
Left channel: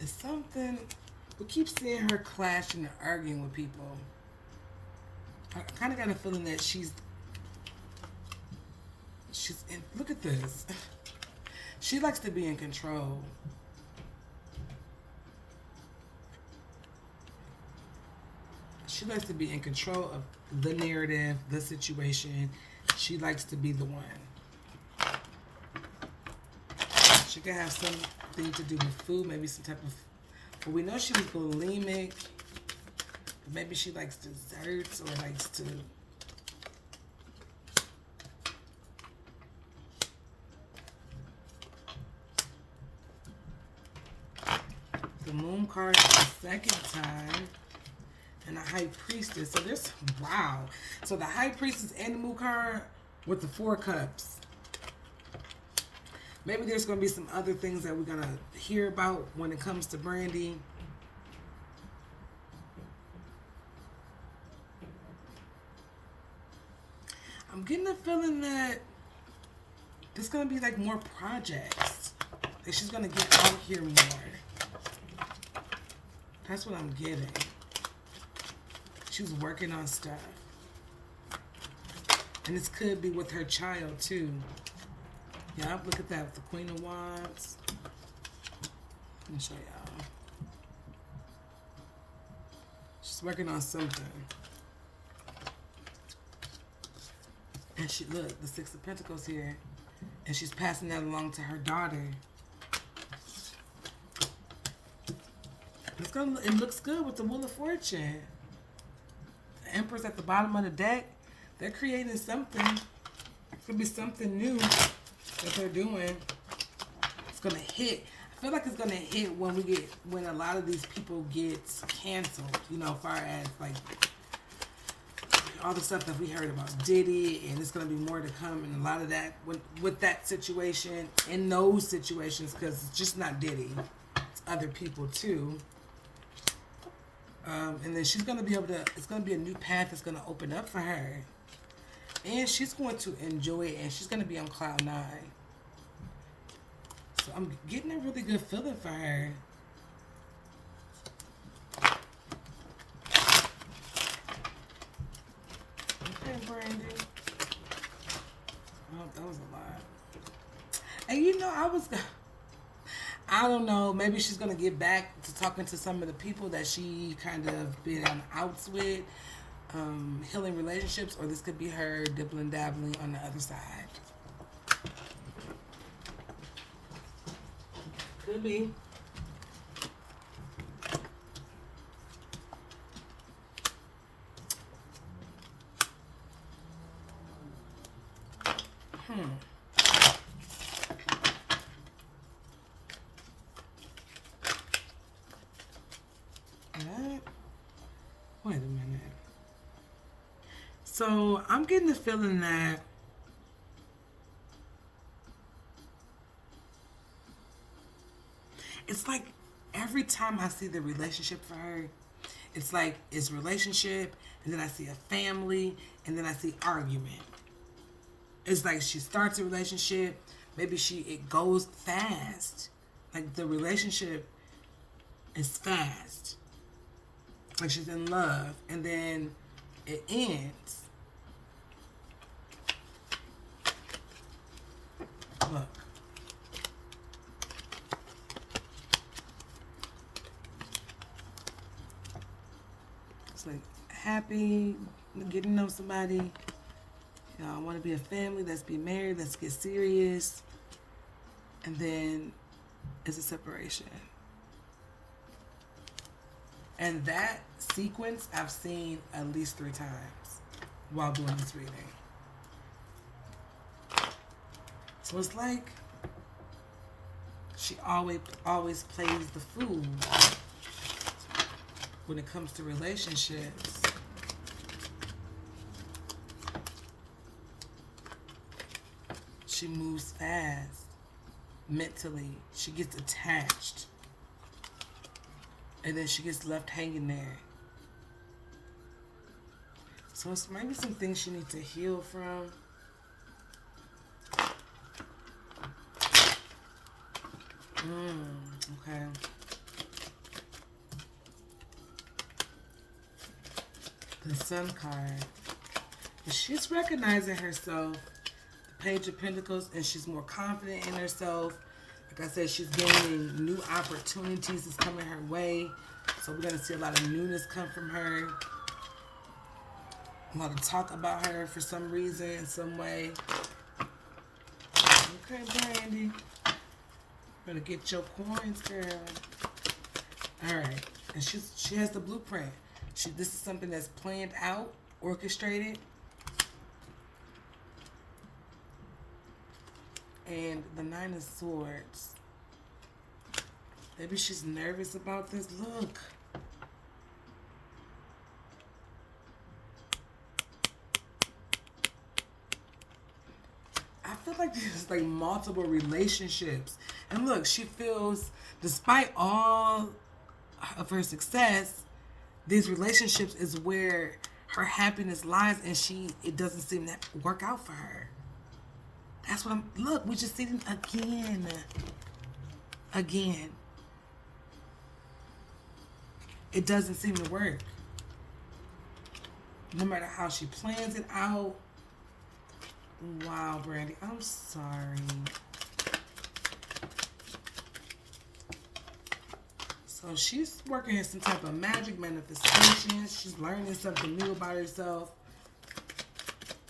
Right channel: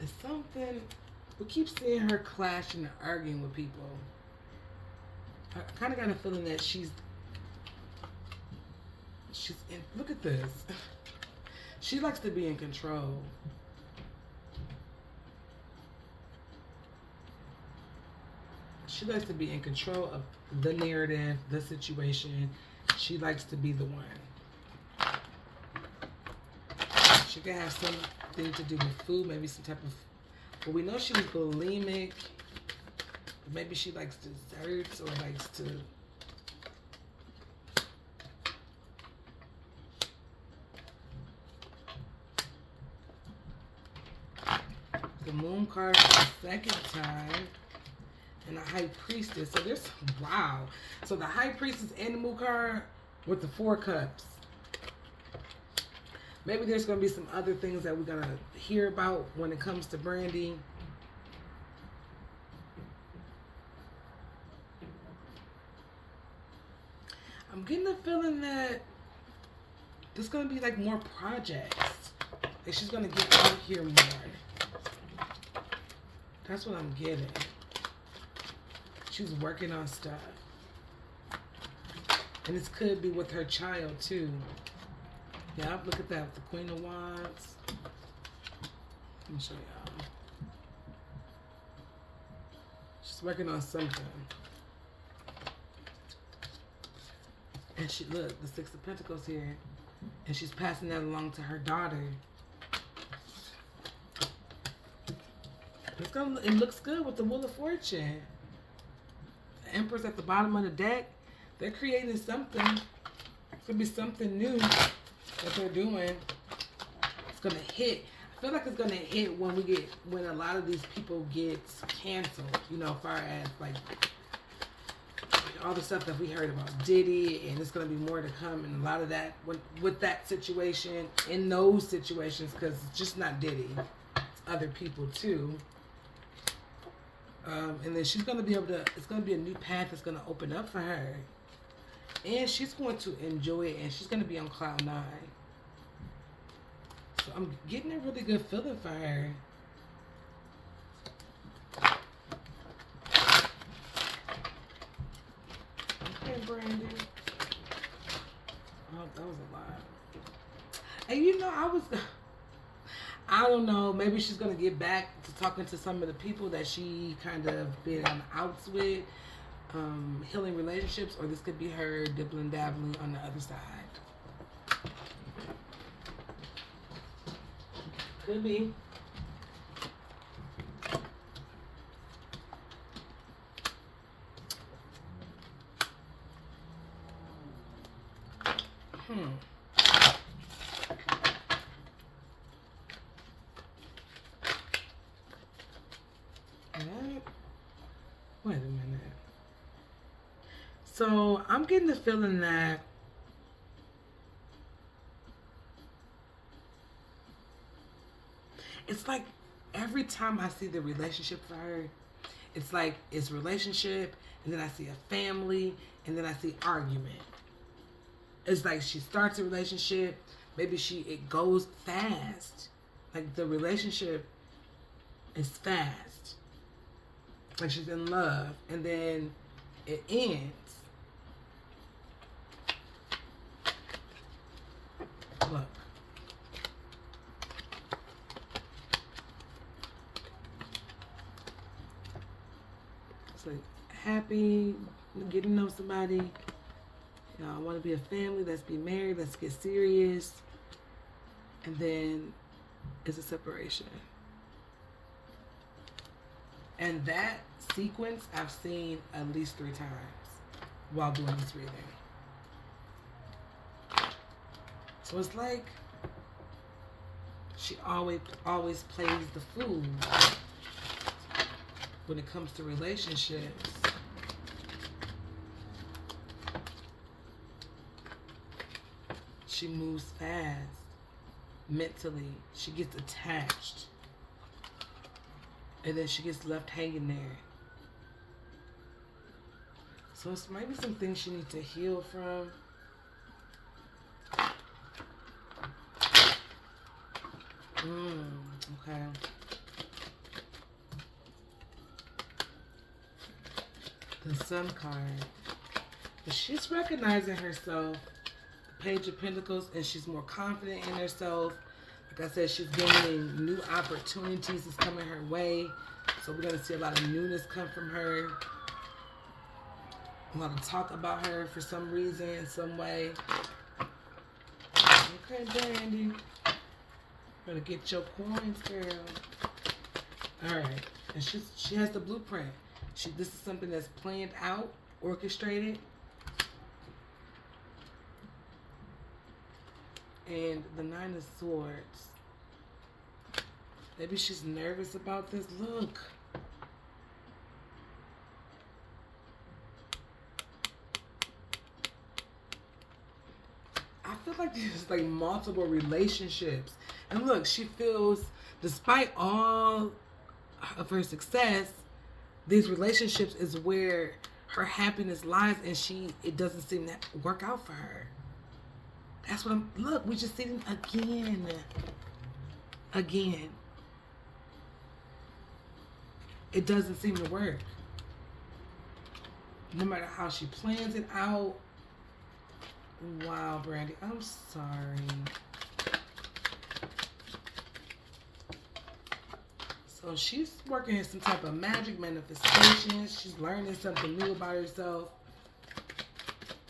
It's something. We keep seeing her clashing and arguing with people. I kind of got a feeling that she's in. Look at this. She likes to be in control. She likes to be in control of the narrative, the situation. She likes to be the one. She can have something to do with food, maybe some type of. Well, we know she was bulimic. But maybe she likes desserts or likes to. The moon card the second time. And the high priestess. So there's, wow. So the high priestess and the moon card with the 4 cups. Maybe there's going to be some other things that we're going to hear about when it comes to Brandy. I'm getting the feeling that there's going to be like more projects. That she's going to get out here more. That's what I'm getting. She's working on stuff. And this could be with her child too. Yeah, look at that. The Queen of Wands. Let me show y'all. She's working on something. And she, look, the 6 of Pentacles here. And she's passing that along to her daughter. It looks good with the Wheel of Fortune. The Empress at the bottom of the deck. They're creating something. It could be something new that they're doing. It's gonna hit. I feel like it's gonna hit when a lot of these people get canceled. You know, as far as like all the stuff that we heard about Diddy, and it's gonna be more to come, and a lot of that with that situation, in those situations, because it's just not Diddy, it's other people too. And then she's gonna be able to. It's gonna be a new path that's gonna open up for her, and she's going to enjoy it, and she's gonna be on cloud 9. So I'm getting a really good feeling for her. Okay, Brandy. Oh, that was a lot. And you know, I don't know, maybe she's going to get back to talking to some of the people that she kind of been outs with, healing relationships, or this could be her dibbling dabbling on the other side. Could be. Wait a minute. So I'm getting the feeling that it's like every time I see the relationship for her, it's like it's relationship, and then I see a family, and then I see argument. It's like she starts a relationship, maybe it goes fast. Like the relationship is fast. Like she's in love, and then it ends. Look. It's like happy, getting to know somebody. You know, I want to be a family. Let's be married. Let's get serious. And then it's a separation. And that sequence I've seen at least 3 times while doing this reading. So it's like she always plays the fool when it comes to relationships. She moves fast mentally. She gets attached. And then she gets left hanging there. So it's maybe some things she needs to heal from. Okay. The Sun card. But she's recognizing herself. The Page of Pentacles. And she's more confident in herself. Like I said, she's gaining new opportunities is coming her way. So we're going to see a lot of newness come from her. A lot of talk about her for some reason, in some way. Okay, Brandy. Better get your coins, girl. Alright. And she has the blueprint. This is something that's planned out, orchestrated. And the 9 of Swords. Maybe she's nervous about this. Look. I feel like there's like multiple relationships. And look, she feels, despite all of her success, these relationships is where her happiness lies, and it doesn't seem to work out for her. That's what look, we just see it again. It doesn't seem to work. No matter how she plans it out. Wow, Brandy, I'm sorry. So she's working in some type of magic manifestation. She's learning something new about herself.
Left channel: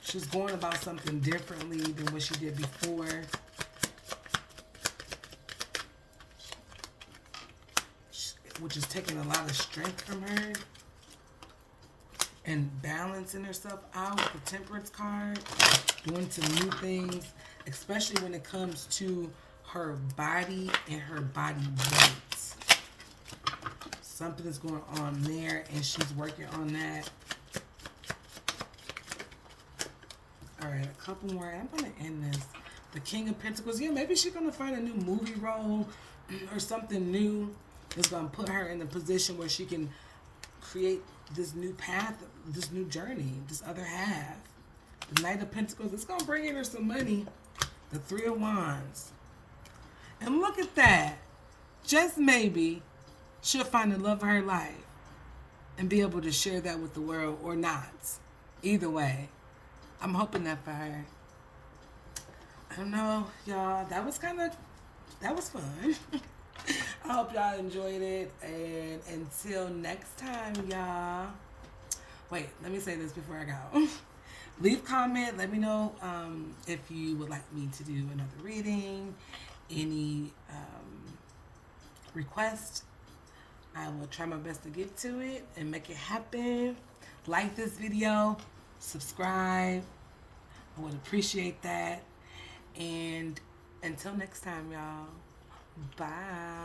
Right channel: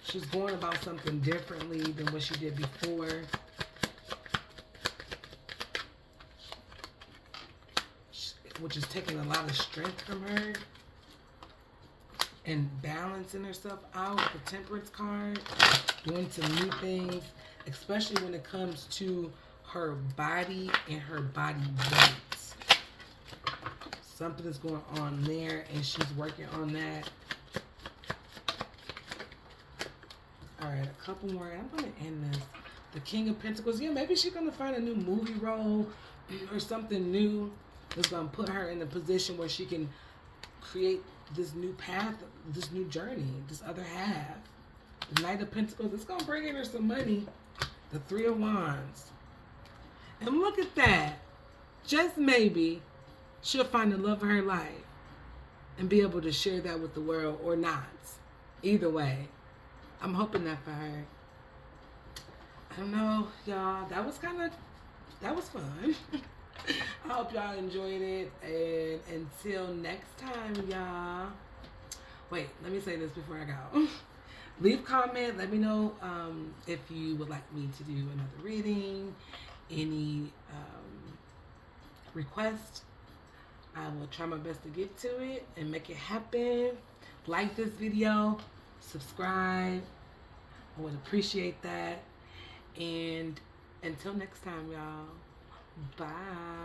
She's going about something differently than what she did before. Which is taking a lot of strength from her. And balancing herself out. The Temperance card. Doing some new things. Especially when it comes to her body and her body weight. Something is going on there, and she's working on that. Alright, a couple more. I'm going to end this. The King of Pentacles. Yeah, maybe she's going to find a new movie role or something new that's going to put her in a position where she can create this new path, this new journey, this other half. The Knight of Pentacles. It's going to bring in her some money. The 3 of Wands. And look at that. Just maybe she'll find the love of her life and be able to share that with the world, or not. Either way, I'm hoping that for her. I don't know, y'all. That was fun. I hope y'all enjoyed it. And until next time, y'all. Wait, let me say this before I go. Leave a comment. Let me know if you would like me to do another reading. Any requests. I will try my best to get to it and make it happen. Like this video. Subscribe. I would appreciate that. And until next time, y'all. Bye.